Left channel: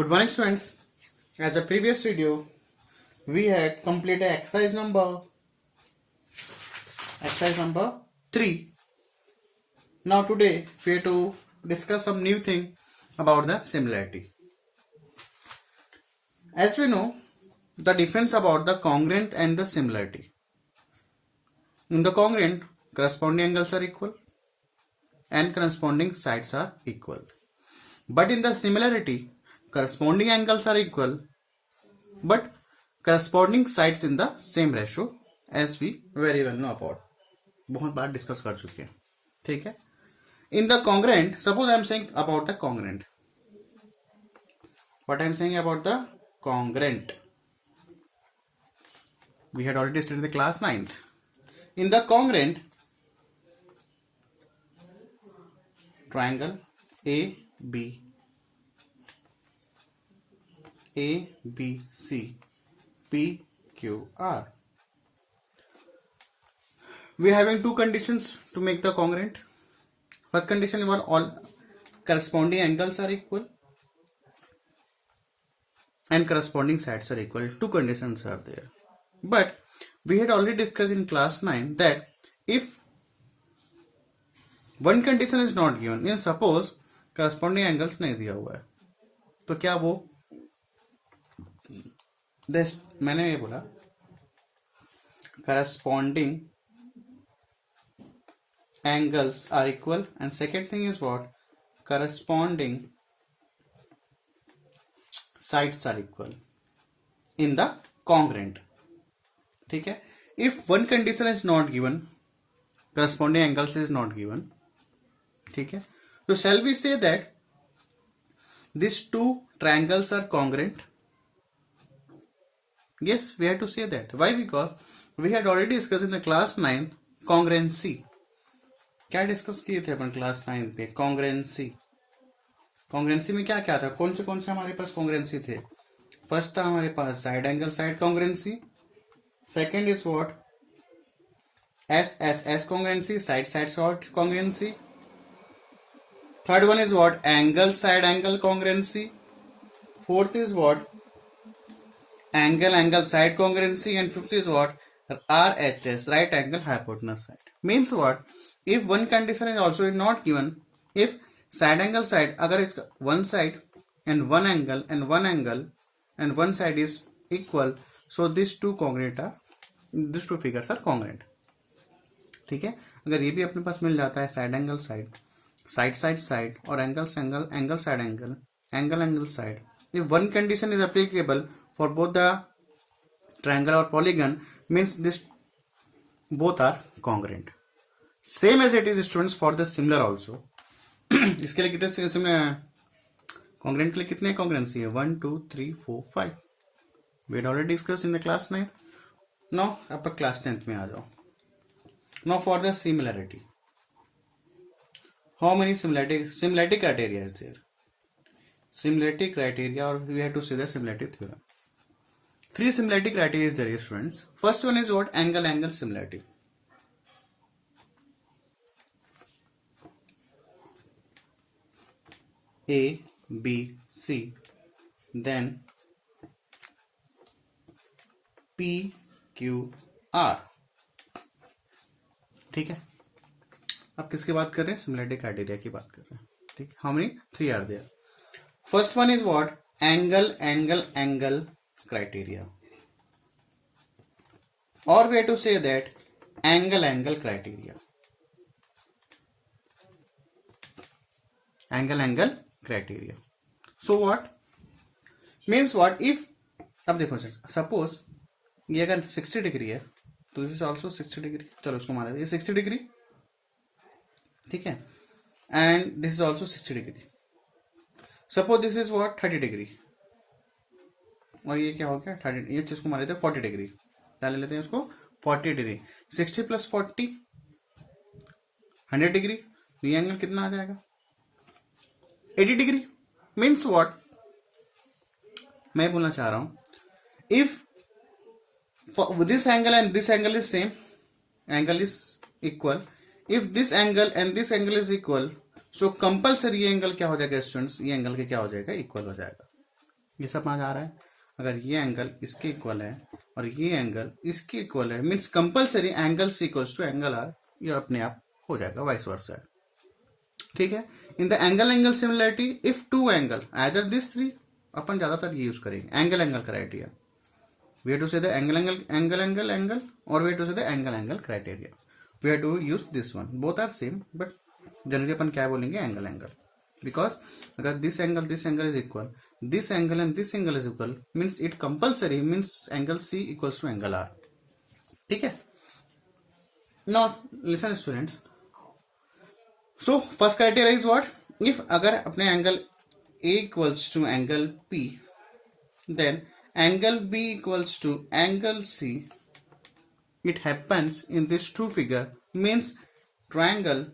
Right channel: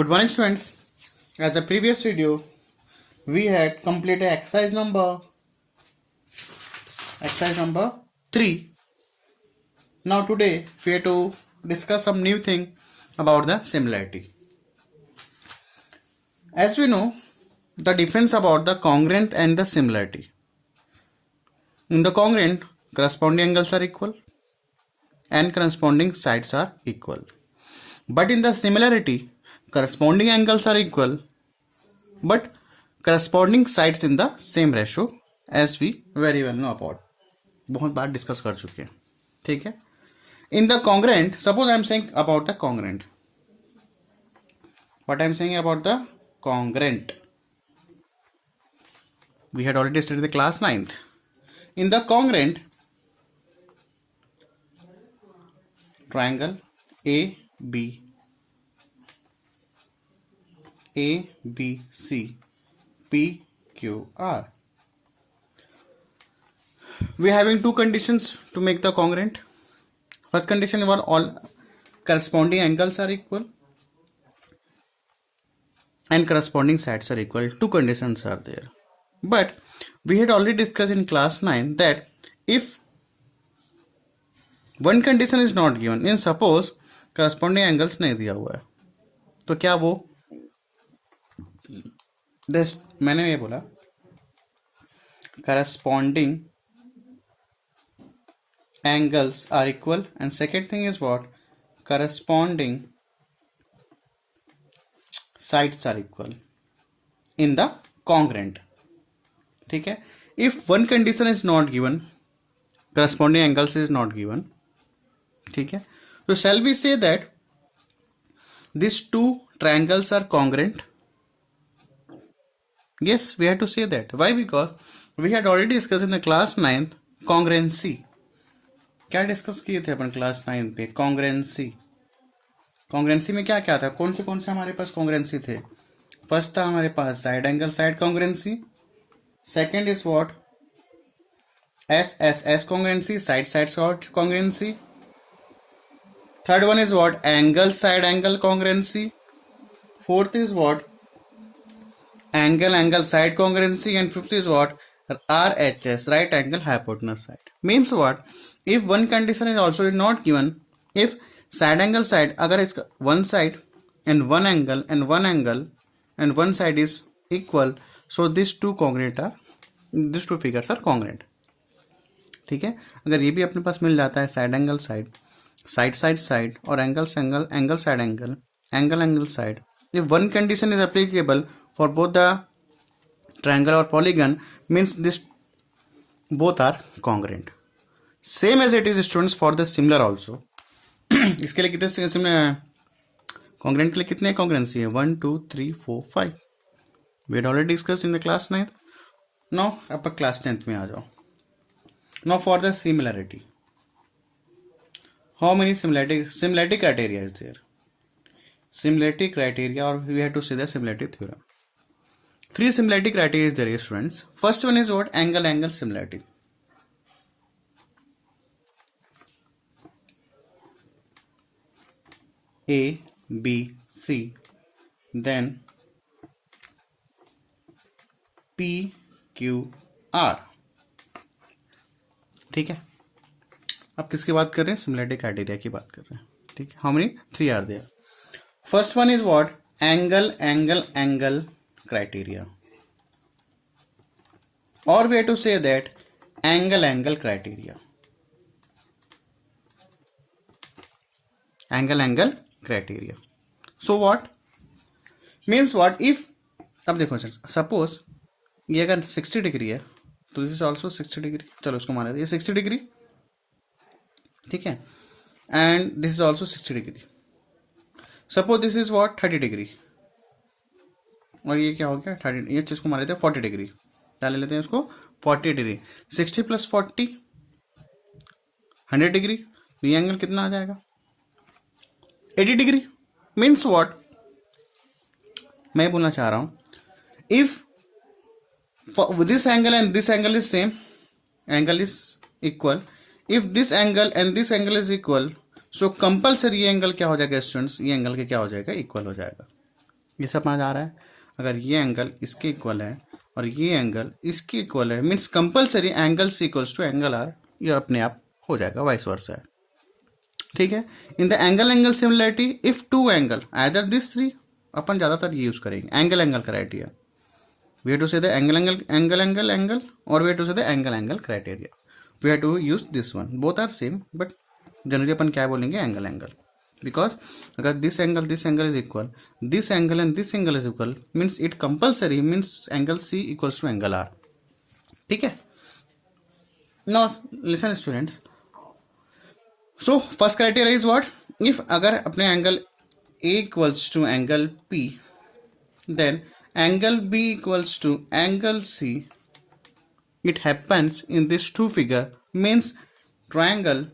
Good morning, students. As a previous video, we had completed exercise number 3. Now today we have to discuss some new thing about the similarity. As we know, the difference about the congruent and the similarity. In the congruent, corresponding angles are equal and corresponding sides are equal. But in the similarity, corresponding angles are equal but corresponding sides in the same ratio, as we very well know about. बहुत बार डिस्कस कर चुके हैं. ठीक है. In the congruent, suppose I am saying about the congruent. What I am saying about the congruent? We had already studied the class 9th. In the congruent, triangle ABC, PQR. We are having two conditions to make the congruent. First condition was all corresponding angles are equal and corresponding sides are equal. Two conditions are there. But we had already discussed in class 9 that if one condition is not given, means suppose corresponding angles नहीं दिया हुआ है, तो क्या वो मैंने ये बोला corresponding angles are equal, and second thing is what, corresponding sides are equal in the congruent. ठीक है. If one condition is not given, corresponding angles is not given. ठीक है. So shall we say that these two triangles are congruent? Yes, we have to say that. Why? Because we had already discussed in the class 9 congruency. क्या डिस्कस किए थे अपन क्लास 9 पे? कॉन्ग्रेंसी में क्या क्या था? कौन से हमारे पास कॉन्ग्रेंसी थे? फर्स्ट था हमारे पास side angle side congruency. Second is what, S congruency, side side congruency. Third one is what, angle side angle congruency. Fourth is what, angle side congruency, and fifth is what, RHS, right angle hypotenuse side. Means what, if one condition is also not given, if side angle side अगर इसका one side and one angle and one side is equal, so these two figures are congruent. ठीक है. अगर ये भी अपने पास मिल जाता है साइड एंगल साइड और angle side angle side, if one condition is applicable for both the triangle or polygon, means this both are congruent. Same as it is, students, for the similar also. इसके लिए कितने congruent के लिए कितने congruency है? 1 2 3 4 5. We had already discussed in the class 9th. Now आप class 10th में आ जाओ. Now for the similarity, how many similarity criteria is there? Similarity criteria, or we have to say the similarity theorem. 3 similarity criteria is there, students. First one is what, angle similarity. A, B, C, then P, Q, R. ठीक है. अब किसकी बात कर रहे हैं? Similarity criteria की बात कर रहे हैं. ठीक है. How many? 3 are there. First one is what, angle criteria, or we have to say that angle criteria. Angle criteria. So what means what, if अब देखो सपोज ये अगर 60 डिग्री है तो दिस इज ऑल्सो 60 डिग्री. चलो उसको माना ये 60 डिग्री. ठीक है. And this is also 60 degree. Suppose this is what 30 डिग्री, और ये क्या हो गया 30. ये चीज को मान लेते हैं 40 डिग्री. क्या ले लेते हैं उसको? 40 डिग्री. 60 + 40 100 डिग्री. ये एंगल कितना आ जाएगा? 80 डिग्री. मीन्स व्हाट, मैं बोलना चाह रहा हूं, if this angle and this angle is same, angle is equal, if this angle and this angle is equal, सो कंपल्सरी ये एंगल क्या हो जाएगा स्टूडेंट्स? ये एंगल के क्या हो जाएगा? इक्वल हो जाएगा. ये सब समझ आ रहा है। अगर ये एंगल इसके इक्वल है और ये एंगल इसके इक्वल है, means compulsory angle C equals to angle R, ये अपने आप हो जाएगा, वाइस वर्सा है। ठीक है। In the angle angle similarity if two angle either this three, अपन ज्यादातर ये यूज करेंगे angle angle criteria. We have to say the angle angle angle angle angle, और we have to say the angle angle criteria. We have to use this one, both are same, but generally अपन क्या बोलेंगे, angle angle. Because अगर this angle is equal, this angle and this angle is equal, means it compulsory means angle C equals to angle R. ठीक है। Now listen students, so first criteria is what, if अगर अपने angle A equals to angle P, then angle B equals to angle C, it happens in this two figure, means triangle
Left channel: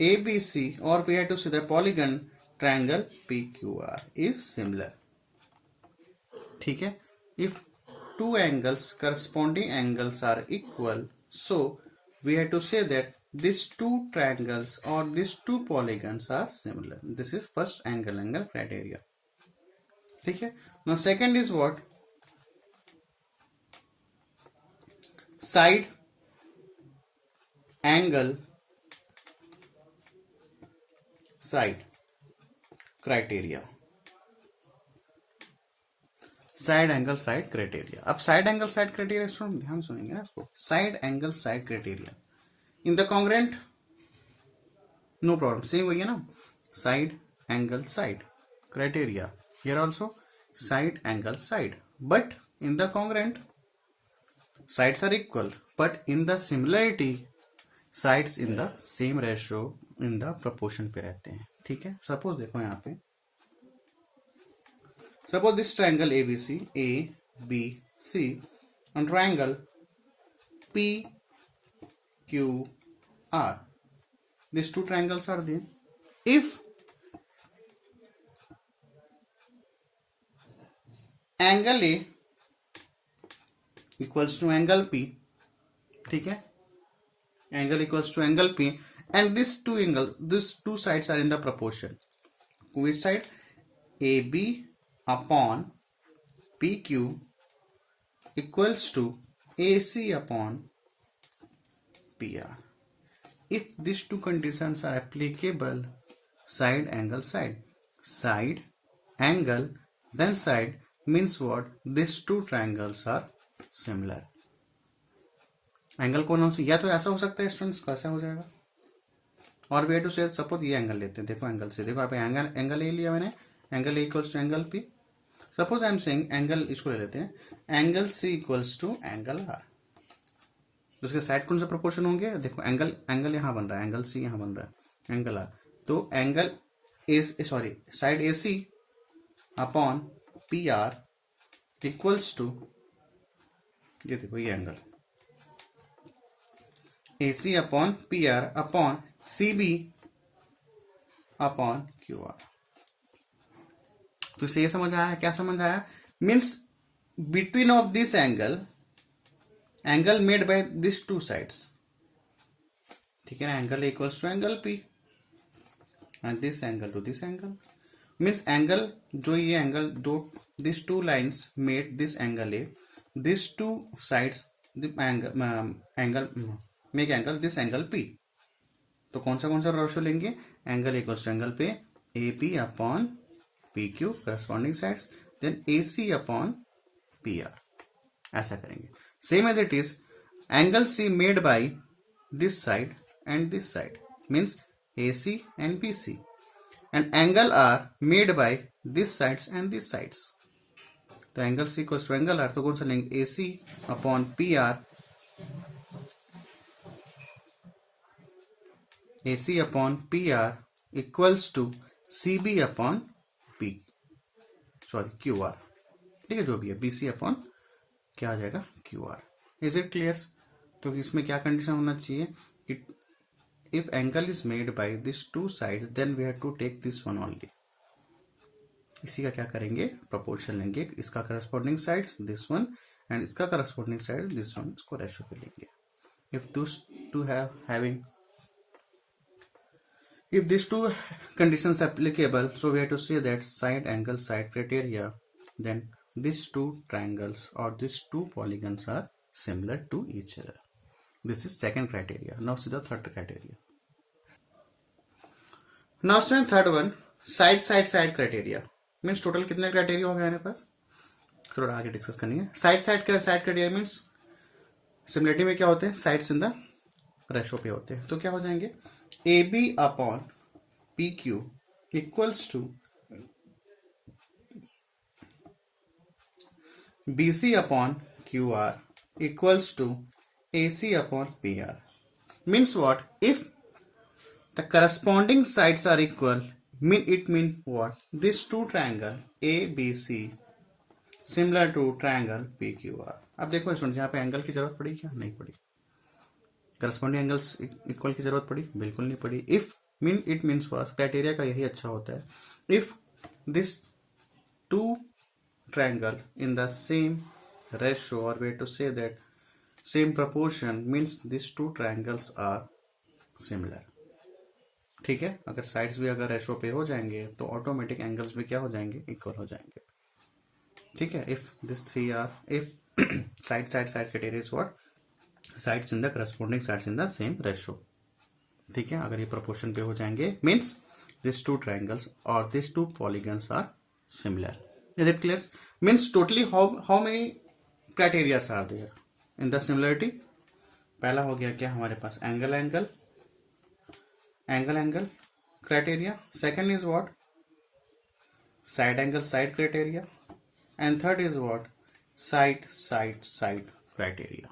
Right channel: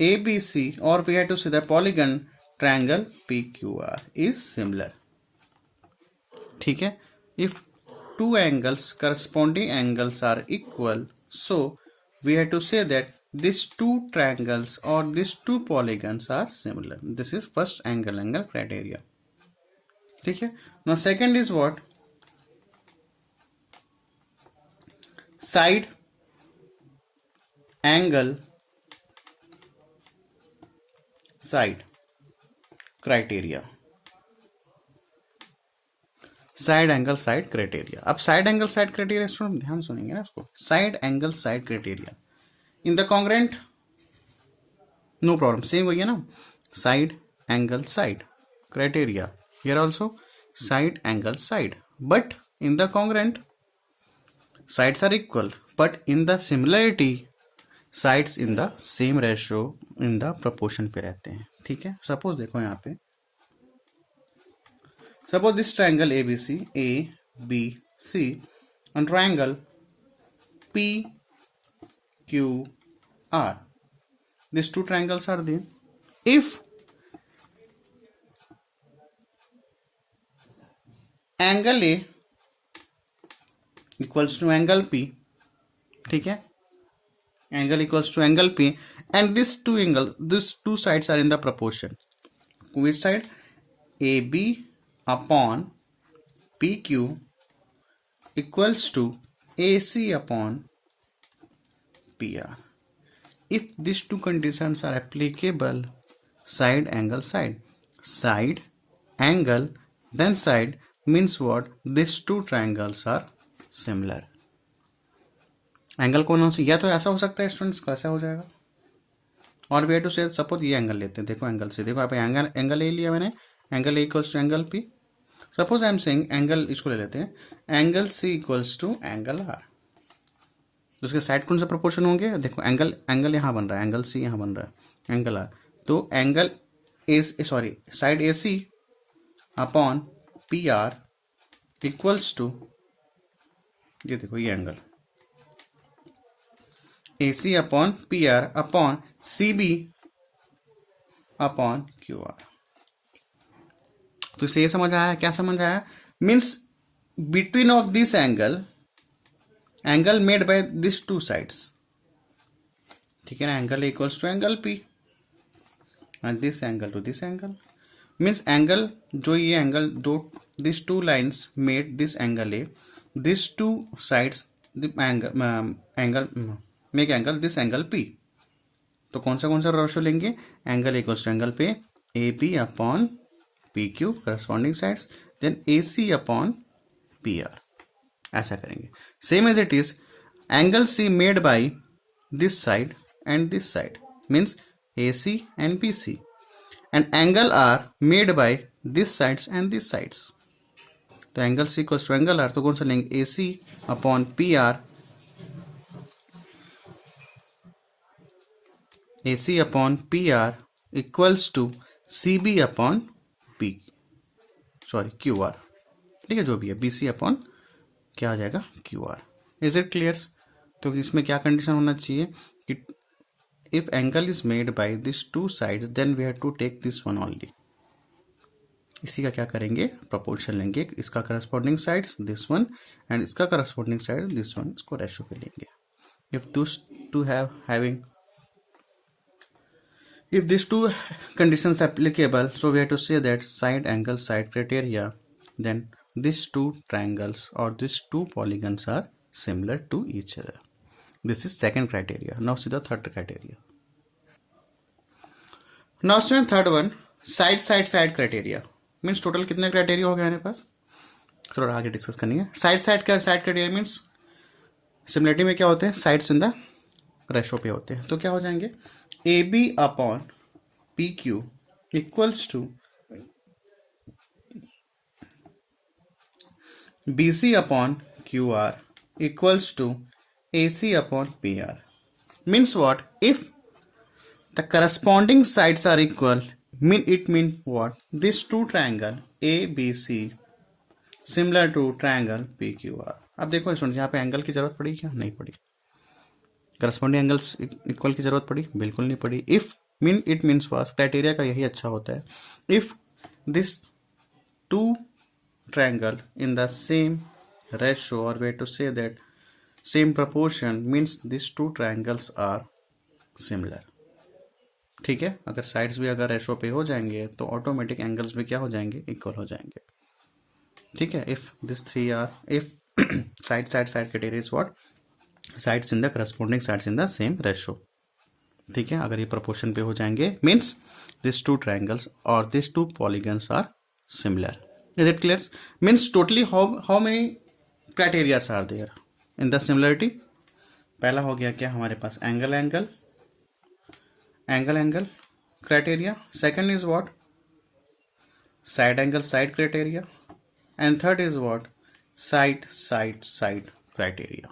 ABC, or we have to say the polygon triangle PQR is similar. ठीक है। if two angles corresponding angles are equal, so we have to say that these two triangles or these two polygons are similar. This is first angle angle criteria. ठीक है। now second is what, side angle side criteria, side angle side criteria. अब side angle side criteria student ध्यान सुनेंगे ना इसको, side angle side criteria in the congruent, no problem, same वही है ना, side angle side criteria, here also side angle side, but in the congruent sides are equal, but in the similarity sides in the same ratio in the proportion पे रहते हैं। ठीक है। सपोज देखो यहाँ पे, suppose this triangle ABC, ABC and triangle PQR, these two triangles are there. If angle A equals to angle P, ठीक है, angle equals to angle P, and this two sides are in the proportion, which side, A B upon P Q equals to A C upon P R. If this two conditions are applicable, side angle side angle then side, means what, these two triangles are similar. एंगल कौन सा, या तो ऐसा हो सकता है स्टूडेंट्स, कैसा हो जाएगा, और वे टू से सपोज ये एंगल लेते हैं, देखो एंगल से, देखो आप एंगल ए लिया मैंने, angle A equals to angle P, suppose I am saying angle, इसको ले लेते हैं, angle C equals to angle R, उसके साइड कौन से प्रोपोर्शन होंगे, देखो एंगल यहाँ बन रहा है, एंगल सी यहाँ बन रहा है, एंगल आर, तो angle A, sorry side A C upon P R equals to, ये देखो ये angle A C upon P R upon C B upon Q R. तो इसे ये समझ आया, क्या समझ आया, means between of this angle made by this two sides, ठीक है ना, angle equals to angle P and this angle to this angle, means angle जो ये एंगल दो, this two lines made this angle A, this two sides angle make angle this angle P. तो कौन सा रेशो लेंगे, एंगल इक्वल्स टू एंगल पे A P upon P Q corresponding sides, then A C upon P R, ऐसा करेंगे। Same as it is angle C made by this side and this side, means A C and P C, and angle R made by this sides and these sides. तो angle C equals to angle R, तो कौन सा लेंगे, AC upon P R, AC upon P R equals to CB upon P, sorry Q R, ठीक है, जो भी है BC अपॉन क्या आ जाएगा, Q R. Is it clear? तो इसमें क्या कंडीशन होना चाहिए कि if angle is made by these two sides, then we have to take this one only. इसी का क्या करेंगे, प्रोपोर्शन लेंगे, इसका corresponding sides this one and इसका करस्पॉन्डिंग साइड दिस वन, इसको रेशो पे लेंगे। If this two having If these two conditions applicable, so we have to say that side angle side criteria, then these two triangles or these two polygons are similar to each other. This is second criteria. Now see the third criteria. Now student third one, side criteria means total कितने criteria हो गए हमारे पास, थोड़ा आगे डिस्कस करनी है. Side criteria means similarity में क्या होते हैं, साइड्स इन द रेशो पे होते हैं. तो क्या हो जाएंगे, A B upon P Q equals to B C upon Q R equals to A C upon P R. Means what, if the corresponding sides are equal, it means what, this two triangle ABC similar to triangle PQR. अब देखो स्टूडेंट्स, यहाँ पे एंगल की जरूरत पड़ी क्या, नहीं पड़ी. करस्पॉन्डिंग एंगल्स इक्वल की जरूरत पड़ी, बिल्कुल नहीं पड़ी. If it means was, criteria का यही अच्छा होता है, if this two triangle in the same ratio or way to say that same proportion means these two triangles are similar. ठीक है, अगर साइड्स भी अगर रेशो पे हो जाएंगे तो ऑटोमेटिक एंगल्स भी क्या हो जाएंगे, इक्वल हो जाएंगे. ठीक है, if this three are, if side criteria is what, sides in the corresponding sides in the same ratio. ठीक है, अगर ये प्रोपोर्शन पे हो जाएंगे मीन्स दिस टू ट्रायंगल्स और this two polygons are similar. Is it clear? Means totally how many criterias are there in the similarity. पहला हो गया क्या हमारे पास, angle criteria. Second is what, side angle side criteria. And third is what, side criteria.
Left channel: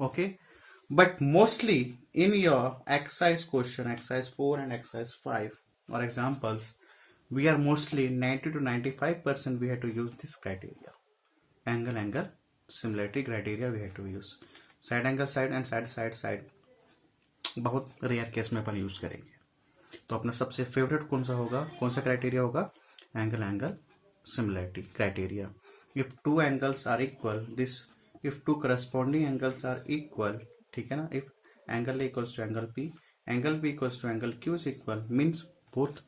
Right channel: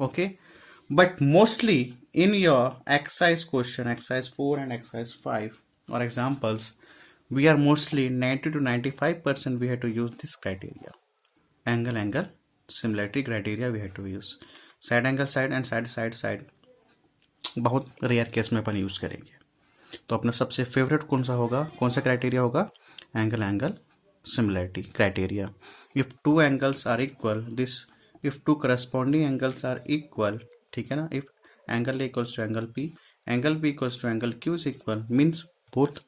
Okay, but mostly in your exercise question, exercise 4 and exercise 5 or examples, we are mostly 90 to 95% we have to use this criteria, angle similarity criteria we have to use. Side angle side and side बहुत rare case में अपन यूज करेंगे. तो अपना सबसे favourite कौन सा होगा, कौन सा क्राइटेरिया होगा, angle similarity criteria. If two angles are equal, this if two corresponding angles are equal, ठीक है ना, if angle A equals to angle P equals to angle Q is equal, means both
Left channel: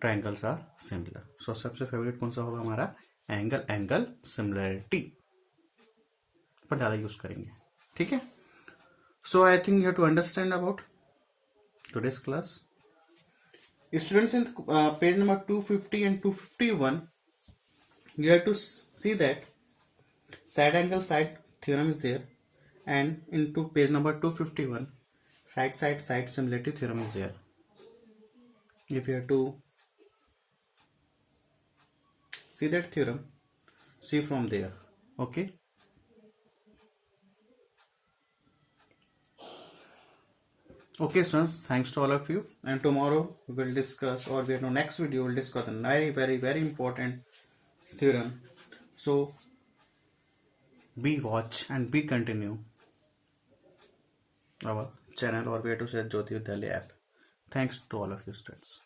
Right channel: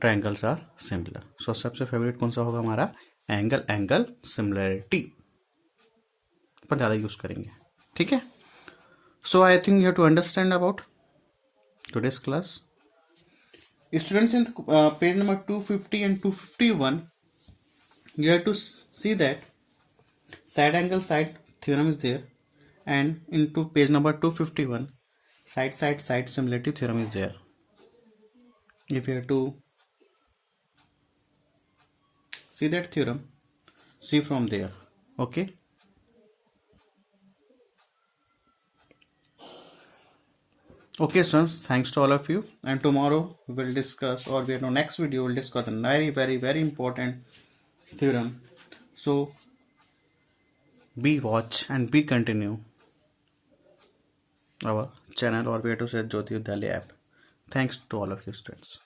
triangles are similar. So सबसे favourite कौन सा होगा हमारा, angle similarity पर ज़्यादा यूज करेंगे. ठीक है, so I think you have to understand about today's class. Students, in page number 250 and 251 you have to see that side angle side theorem is there, and into page number 251 side similarity theorem is there. If you have to see that theorem, see from there. Okay, okay students, thanks to all of you, and tomorrow we will discuss, or we know next video we will discuss a very important theorem. So be watch and be continue our channel, or we have to say Jyoti Vidyalaya app. Thanks to all of you students.